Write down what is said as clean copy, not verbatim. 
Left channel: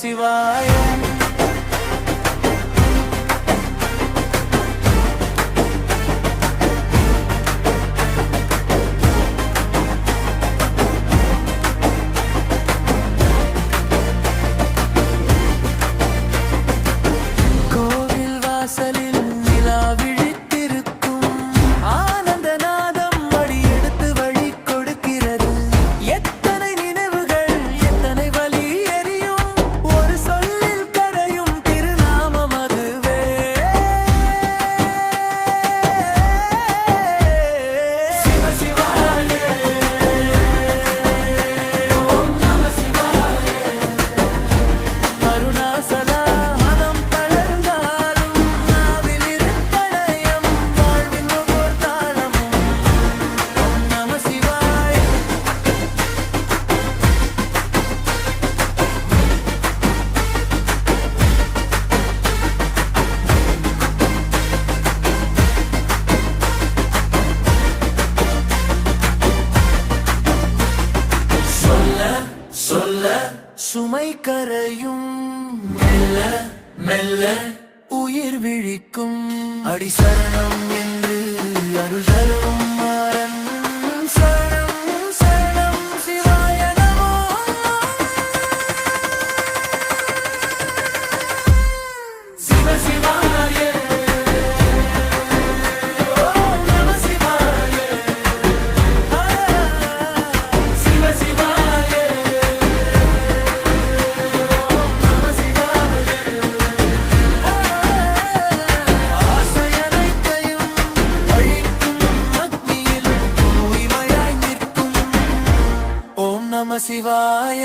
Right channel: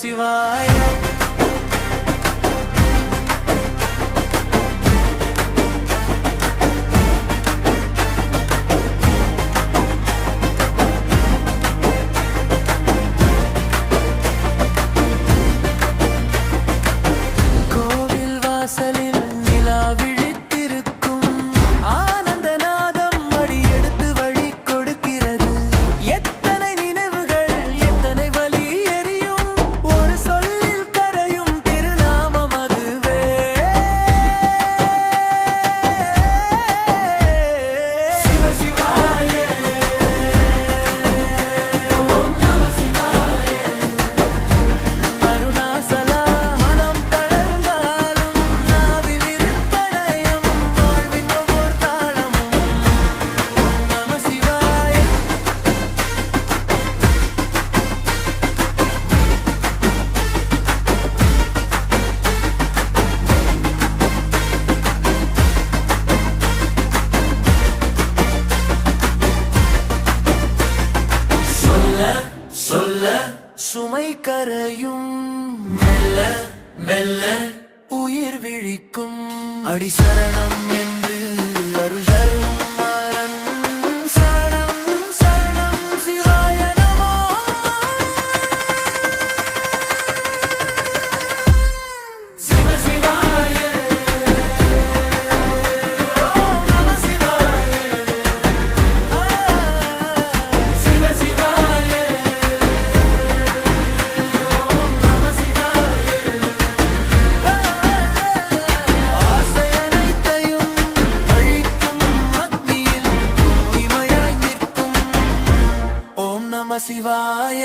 சிவாய. கோவில் வாசலில் நிலா விழித்திருக்கும் ஆனந்த நாதம் அடி எடுத்து வழி கொடுக்கிறது. எத்தனை நினைவுகள் எத்தனை வலி எரியும் ஒரு சொல்லில் கரையும் திருநாமம் அதுவே. சிவ சிவாய ஓம் நம சிவாய. அருணாசலா மனம் தளர்ந்தாலும் நாவில் இருப்படயம் வாழ்வின் ஒவ்வொரு தாளமும் ஓம் நம சிவாய. சொல்ல சொல்ல சுமை கரையும் மெல்ல மெல்ல உயிர் விழிக்கும். அடி சரணம் என்று அருள் தரும் மாறன் சரணம் சரணம் சிவாய நமோ. சிவ சிவாய ஓம் நம சிவாய. சிவ சிவாய ஓம் நம சிவாய. ஆசை அனைத்தையும் அழிக்கும் அக்னியில் தூய்மையாய் நிற்கும் ஓம் நம சிவாய.